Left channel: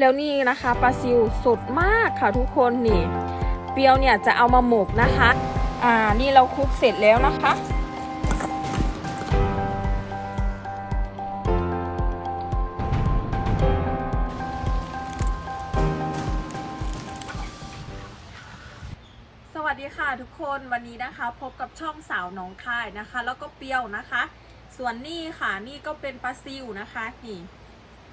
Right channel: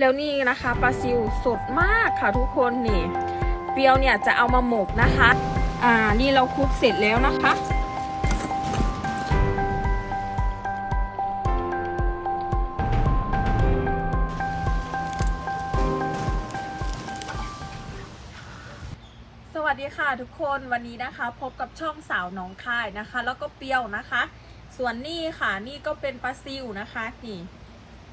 แล้วนี่นะคะปลาซิวสดมากค่ะทุกคนนี่เปรียวเนี่ยจะเอามาหมกนะคะ อ่านี่เราคลุกเสร็จแล้วนะคะสวัสดีค่ะทุกคนวันนี้นะคะ พบกับช่องสาวหน้องคายนะคะ แล้วก็เปรียวนะคะ ส่วนนี่ค่ะนี่ก็เป็นปลาซิวนะคะนี่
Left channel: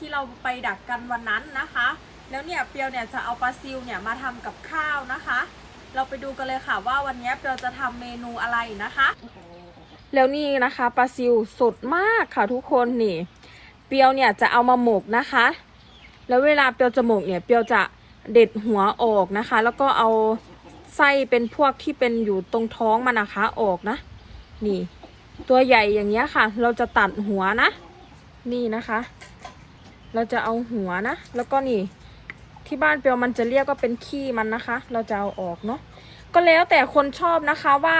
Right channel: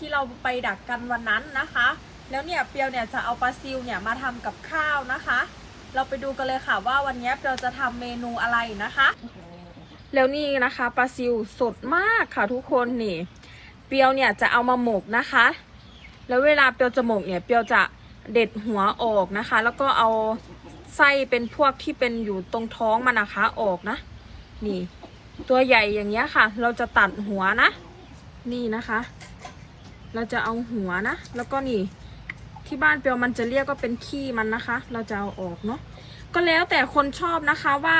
ที่เราไปดักกันวันนั้นนะคะ แล้วเนี่ยเปียวเนี่ยจะเอาปลาซิวเนี่ยมาทำกับข้าวนะคะ เราไปดูกันเลยค่ะว่าวันนี้เปียวจะทำเมนูอะไรนะคะ แล้วนี่นะคะปลาซิวสดมากค่ะทุกคนนี่ เปียวเนี่ยจะเอามาหมกนะคะ แล้วเวลาเปียวจะหมกเนี่ยเปียวจะเด็ดหัวออกนะคะ แล้วก็เอาไส้เป็นพวกที่เป็นอยู่ตรงท้องมันนะคะออกนะ นี่ ตัวใหญ่อย่างเงี้ยค่ะ เราจะตัดหัวนะ นี่นะคะ เราจะเอาหัวนะ แล้วก็นี่ ที่บ้านเปียวมันจะเรียกว่าเป็นขี้มันนะคะ เราจะเอาออกเนาะก็แล้วแต่คนชอบนะคะว่า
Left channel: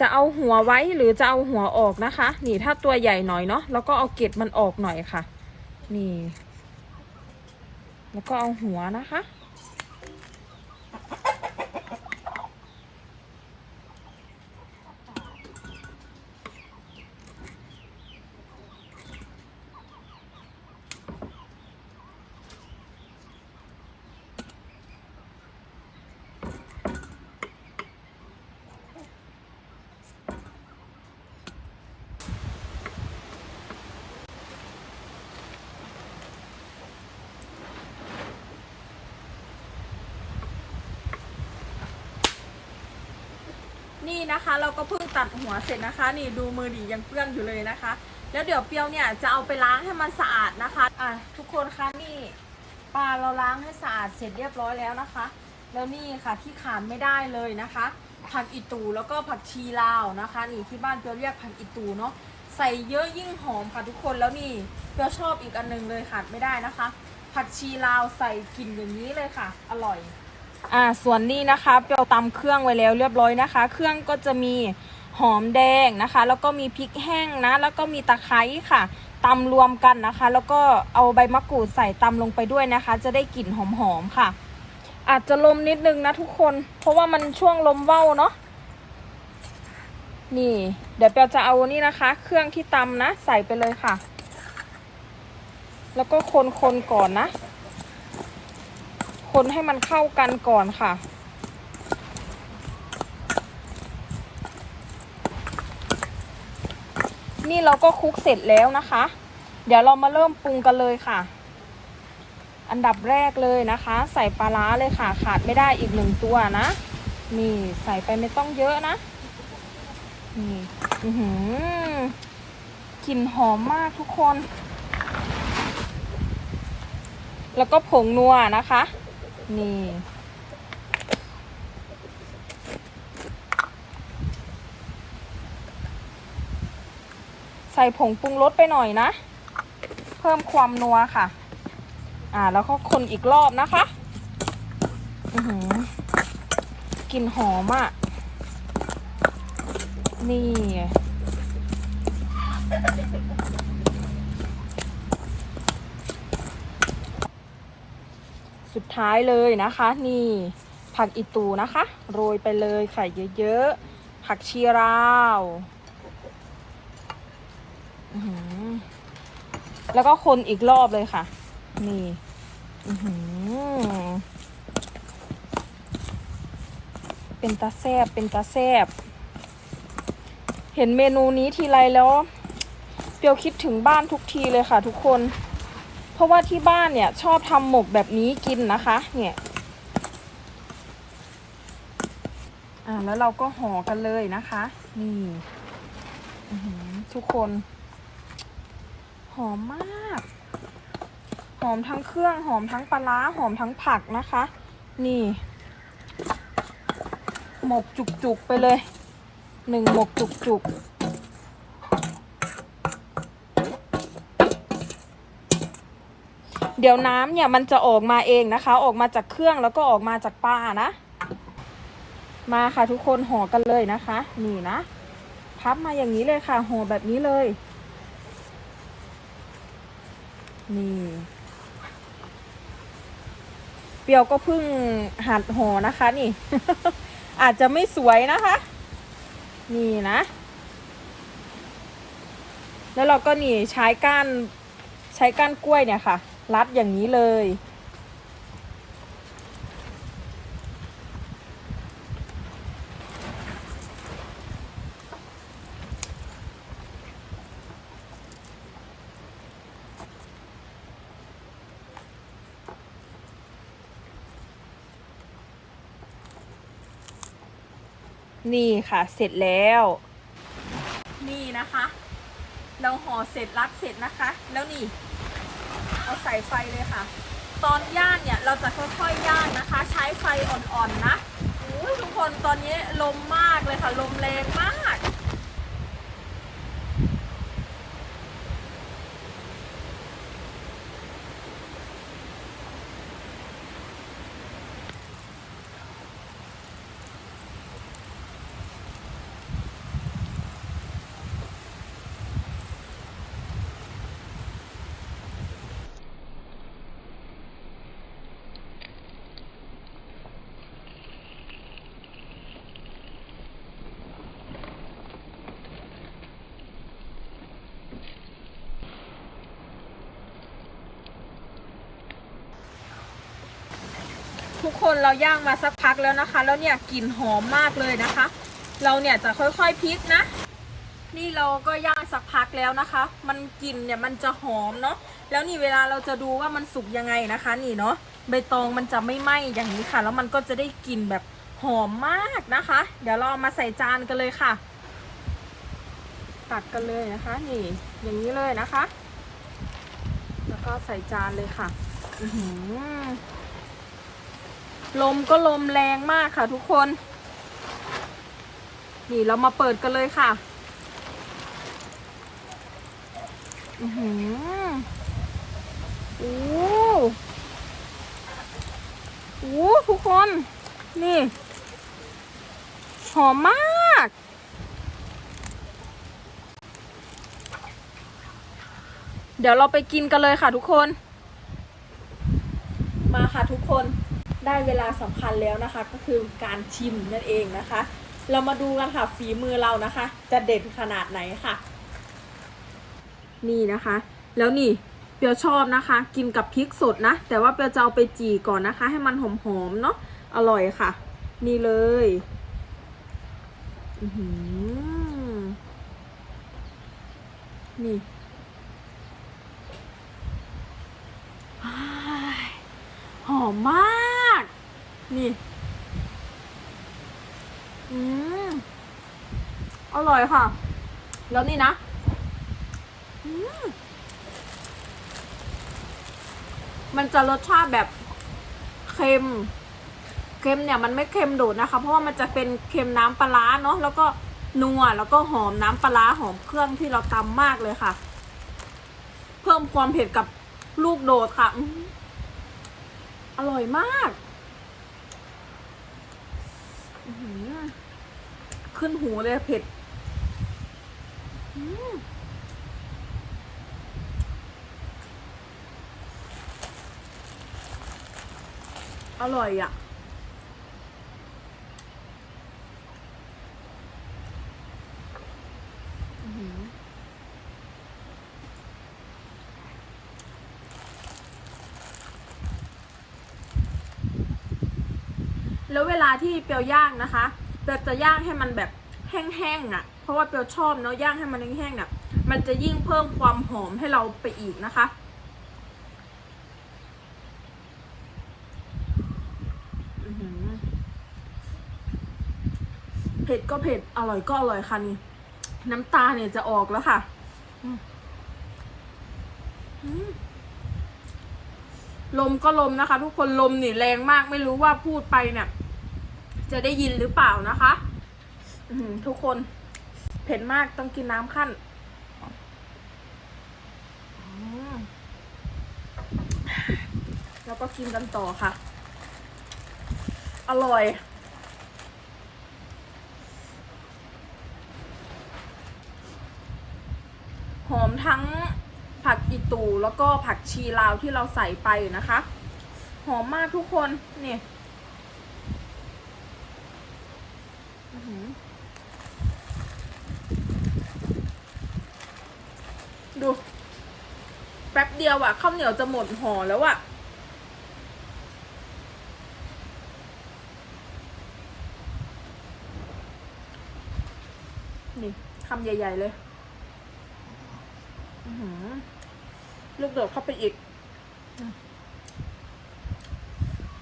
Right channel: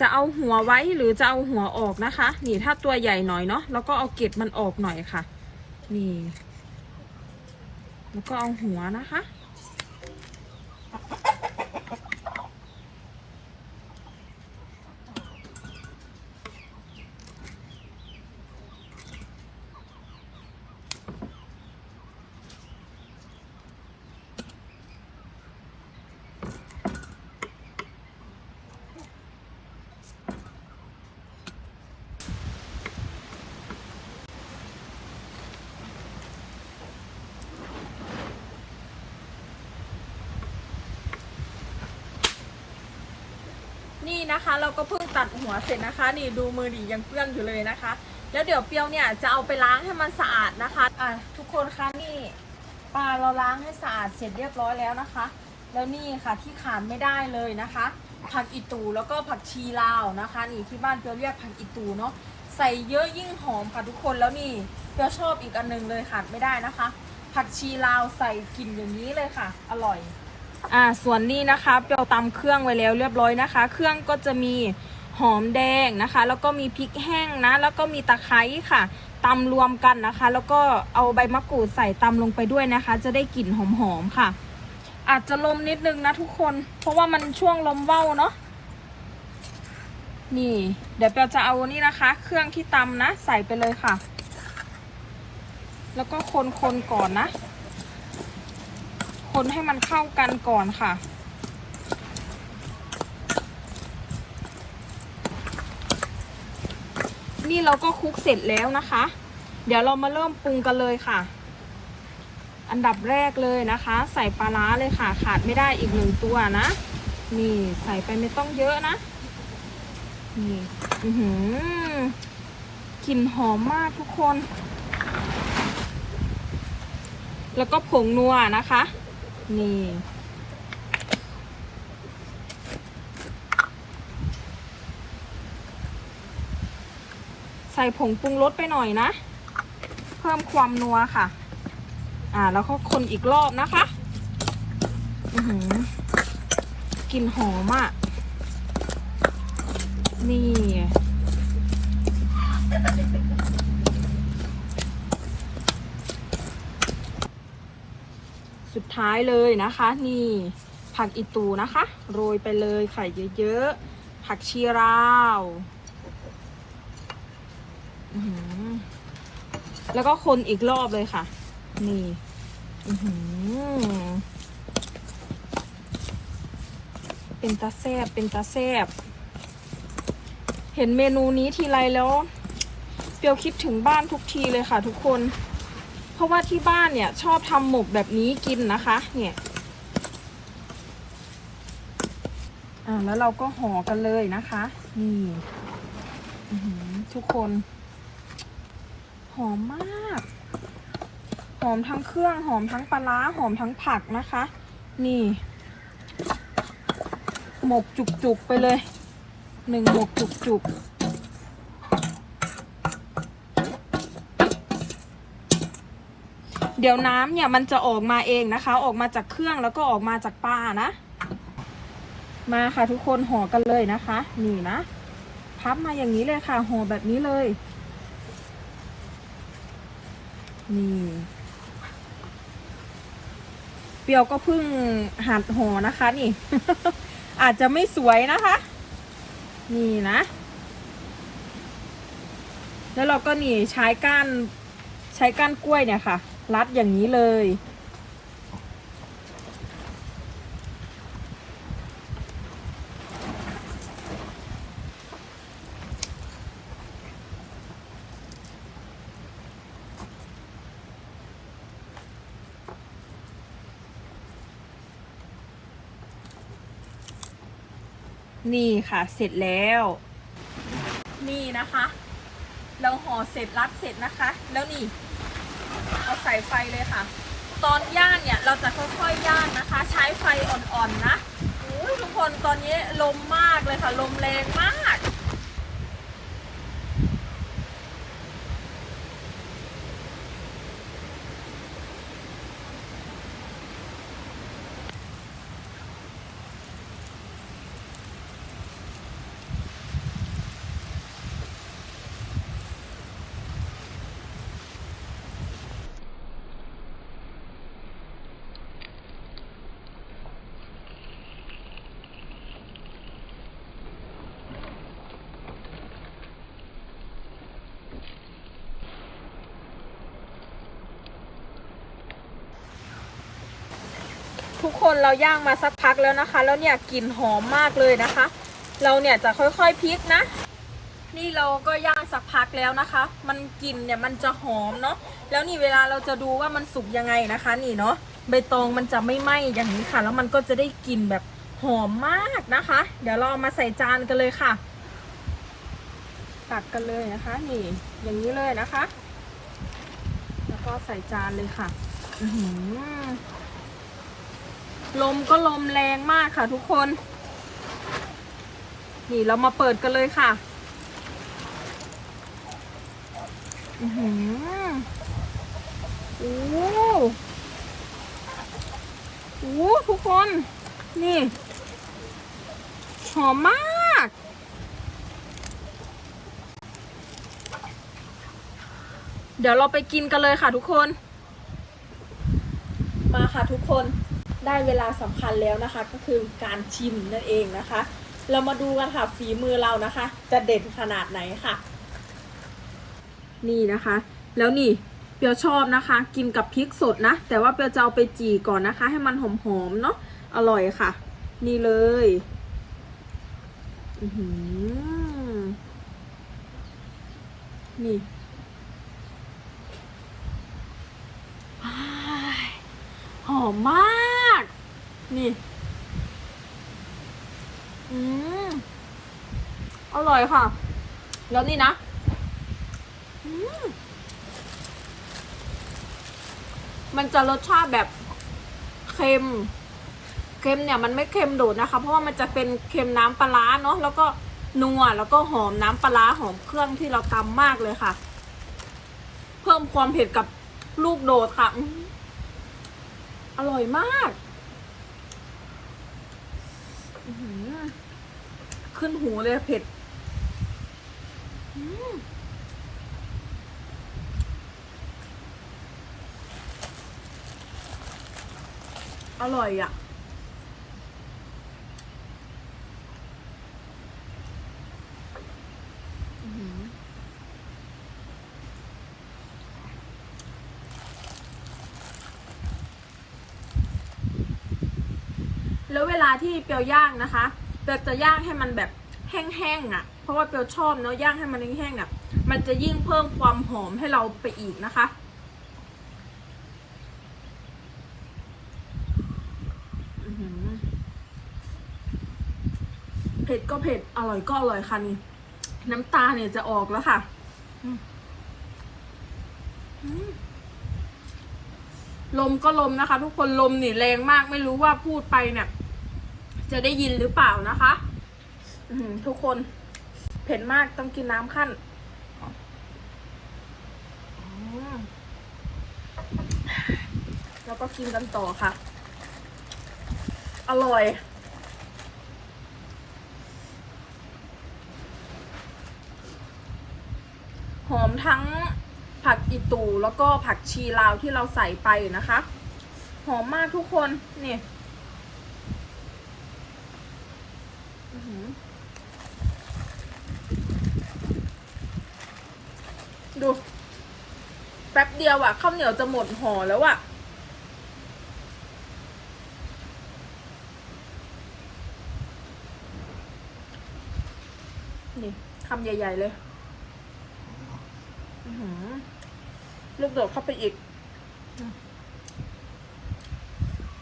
จะเอาหัวไว้หรือจะเอาหัวออกนะคะ นี่ถ้าตัวใหญ่หน่อยเนาะแล้วก็เอาเกล็ดมันออกหน่อยค่ะ นี่ แล้วก็เอาหัวนะคะ นี่นะคะ เราก็เพิ่งตัดหัวเสร็จนะคะ นี่ดูมือดียังเปื้อนอยู่เลยนะคะ แล้วเดี๋ยวเปียวเนี่ยจะเอาไปล้างให้มันสะอาดนะคะอะทุกคนคะนี่ปลาเราล้างให้สะอาดเสร็จเรียบร้อยแล้วนะคะ แล้วนี่ค่ะที่ขาดไม่ได้เลยนะคะ ผักอีตูแล้วก็ผักชีลาวนะคะ นี่ที่บ้านเปียวเรียกผักอีตูเนาะใส่เยอะยิ่งหอมค่ะทุกคนแล้วนี่เปียวชอบอีกอันหนึงเลยขาดไม่ได้นะคะ ผักชีลาวใส่กลิ่นอย่างนี้เลยค่ะ อร่อย อ่าส่วนนี้นะคะเปียวตำเครื่องไว้แล้วเรียบร้อยนะคะ เครื่องก็จะมีหอมแดงนะคะ แล้วก็มีพริกแห้งนะ แล้วก็มีตะไคร้ค่ะตำรวมกันนะคะ แล้วก็เอาใบมะกรูดใส่ตำลงไปด้วยนะคะ จะได้กลิ่นหอมๆค่ะ อาจจะลมนิดนึงนะทุกคน เพราะว่ามันช่วงลมเว้าเนาะนี่ เดี๋ยวเปียวจะเอานี่นะคะ เครื่องที่ตำนะ ใส่ไปเลยค่ะ แล้วก็คนๆก่อนนะ คนให้มันเข้ากันก่อนค่ะ นี่เราก็คลุกเสร็จแล้วนะคะ เดี๋ยวเรามาเริ่มปรุงกันเลยค่ะ อันดับแรกเลยนะคะ ใส่ปลาร้าเลยค่ะ ขาดไม่ได้อีกหนึ่งตัวนะนี่ใส่ไปไม่ต้องเยอะนะนี่อือหือกลิ่นหอมมากทุกคน แล้วก็ผงนัวนะคะ นี่ใส่ผงปรุงรสไปหน่อยนะ เพิ่มความนัวค่ะ อ่า แล้วก็คนอีกรอบนะคะหือกลิ่นหอมอะ่ะ นี่ สุดท้ายเลยนะคะ นี่ผักอีตูนะคะ โรยไปเลยไข่เยอะๆ ผักชีราวแล้วก็คนอีกรอบเลยค่ะ นี่เป็นตาแซบเป็นตาแซบเห็นเมนูนี้ทีไรแล้วเปียวคิดถึงบ้านทุกทีเลยค่ะทุกคน เพราะว่าที่บ้านเนี่ยชอบทำหมกแบบนี้กินนะคะ เนี่ยอ่าแล้วเราก็ห่อกันเลยนะคะ นี่ทุกคน หอมมาก หอมทั้งเครื่องหอมทั้งปลาร้าหอมทั้งผักนะคะ นี่ หมกจุกๆไปเลยหนึ่งหมกจุกๆ เดี๋ยวน้ำเนี่ยมันจะออกมาเองนะคะ ออกมาจากเครื่องแล้วก็ออกมาจากปลานะ มาค่ะทุกคนห่อกันเลยนะคะ นี่นะพับมาอย่างนี้เลยค่ะห่อแบบนี้เลยนี่เปรียวก็เพิ่งหัดห่อนะคะนี่ อาจจะไม่สวยนะคะ นี่นะ แล้วเราก็นี่ใช้ก้านใช้ก้านกล้วยเนี่ยค่ะ รัดอย่างนี้เลย นี่ค่ะเสร็จแล้ว นี่นะคะ เราห่อเสร็จรัดเสร็จนะคะ แล้วนี่ เอาใส่ไฟเลยค่ะ ตอนย่างเนี่ยเราจะค่อยๆย่างนะคะ ใช้ไฟอ่อนๆนะอุ้ยทุกคนตอนนี้ลมมากเลยค่ะ ลมแรงมาก ทุกค นเราย่างมาสักพักแล้วนะคะ แล้วเนี่ยกลิ่นหอมมากเลยนะคะ เราเนี่ยจะค่อยๆพลิกนะ นี่เราก็ย่างสักพักแล้วนะคะ มันกลิ่นเนี่ยมันจะหอมเนาะแล้วนี่เวลาเราจะดูว่ามันสุกยังไงนะคะ นี่เนาะใบตองมันจะไม่ไหม้อย่างนี้ค่ะ แล้วมันก็จะได้กลิ่นแบบหอมมากนะคะ เดี๋ยวเรามาใส่จานกันเลยค่ะ ตักกันเลยนะคะ นี่ อย่างนี้เลยนะคะ แล้วก็ใส่จานเลยค่ะ อือหือ ลมก็ลมแรงมากค่ะทุกคน นี่เรามาเปิดกันเลยค่ะอือหือโอ้โหทุกคน นี่ หอมมาก เดี๋ยวเราไปกินกันเลยค่ะทุกคน มาค่ะทุกคน ได้เวลาสำคัญแล้วนะคะ ก็คือการชิมนั่นเองนะคะ เรามาดูกันค่ะฝีมือเรานะคะ จะเด็ดขนาดไหนค่ะ นี่นะคะ แล้วนี่เปียวชอบนะคะ กินกับพริกสดนะ แต่ว่าเปียวจะเอาไปจี่ก่อนนะคะ ให้มันหอมๆเนาะอร่อยค่ะ นี่เลยอือหือนี่อ้ายหอมมาก นี่ อืม อร่อยค่ะ แล้วนี่นะ อืม มันจะรสชาติแบบเค็ม เค็มเนี่ยมันไม่เค็มโดดนะคะ เพราะว่ามันจะเป็นเค็มน้ำปลาร้าเนาะ แล้วก็นัว แล้วก็หอมน้ำปลาหอมเครื่องที่เราตำมากเลยค่ะ เพิ่มความเผ็ดกับลูกโดดค่ะ อร่อยมาก ขึ้นหูเลยเผ็ดอร่อยอะ แล้วเวลาที่เปียวย่างนะคะเปียวจะย่างให้มันแบบแห้งๆอะ เพราะว่าเปียวชอบเนาะย่างให้มันแห้งๆอะ มันจะยิ่งเพิ่มความหอมให้เราไปอีกนะคะเผ็ดก็เผ็ด อร่อยก็อร่อยค่ะนี่น้ำตาเนี่ยจะออกแล้วค่ะลมก็ลมนะคะ ทุกคนลมนี่แรงมากไม่รู้ว่าพูดไปเนี่ย จะได้ยินหรือเปล่านะคะ อืทุกคนเผ็ดมากต้องกินน้ำขั้นแล้วก็กินกันต่อค่ะ อร่อย หอมทั้งผักอีตูแล้วก็ผักชีลาวที่เราใส่ไปนะคะ หอมมากทุกคน นี่อื้อหือ ดู แป๊บเดียวอะข้าวเหนียวจะหมดห่อแล้วอะนี่คำใหญ่ ๆ เลยลูกโดดเข้าไปอีก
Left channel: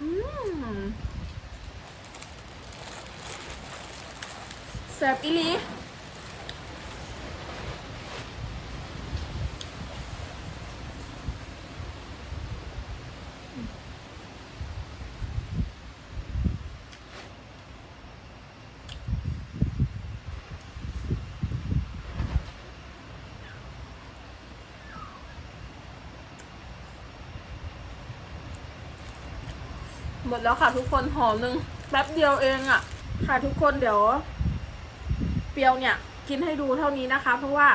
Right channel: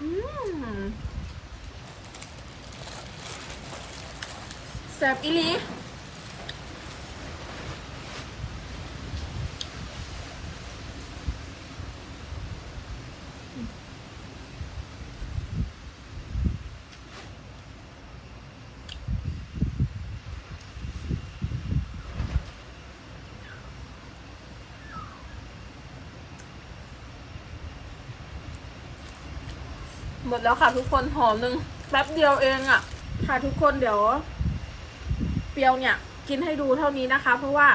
อืม แซ่บอีหลีหมดแล้วค่ะทุกคนห่อหนึ่งแป๊บเดียวเองอะ่ะ ค่ะทุกคนเดี๋ยว เปรียวเนี่ย กินให้ดูเท่านี้นะคะ เพราะว่า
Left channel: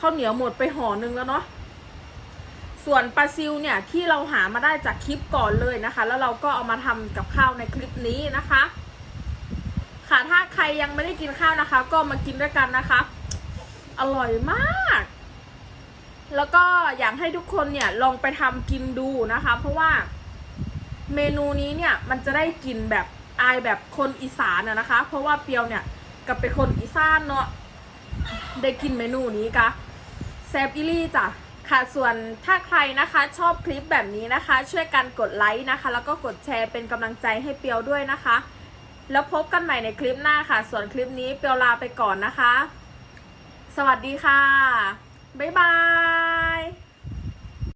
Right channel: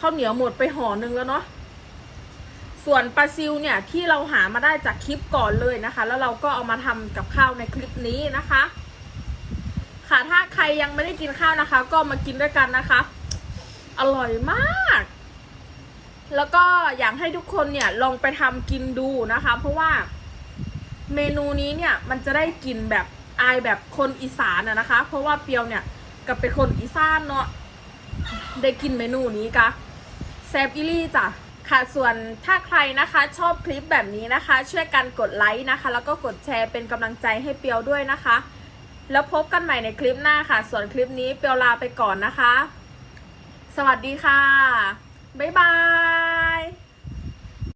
ข้าวเหนียวหมดไปห่อหนึ่งแล้วเนาะส่วนปลาซิวเนี่ยที่เราหามาได้จากคลิปก่อนเลยนะคะ แล้วเราก็เอามาทำกับข้าวในคลิปนี้นะคะ ค่ะถ้าใครยังไม่ได้กินข้าวนะคะ ก็มากินด้วยกันนะคะ อร่อยมาก แล้วก็อยากให้ทุกคนเนี่ยลองไปทำกินดูนะคะ เพราะว่าเมนูนี้เนี่ยมันจะได้กลิ่นแบบอายแบบคนอีสานอะนะคะ เพราะว่าเปียวเนี่ย กับเป็นคนอีสานเนาะได้กินเมนูนี้กะแซบอิลี่จ้ะค่ะส่วนถ้าใครนะคะชอบคลิปแบบนี้นะคะ ช่วยกันกดไลค์นะคะ แล้วก็กดแชร์เป็นกำลังใจให้เปียวด้วยนะคะ แล้วพบกันใหม่ในคลิปหน้าค่ะ ส่วนคลิปนี้เปียวลาไปก่อนนะคะ สวัสดีค่ะ บ๊ายบาย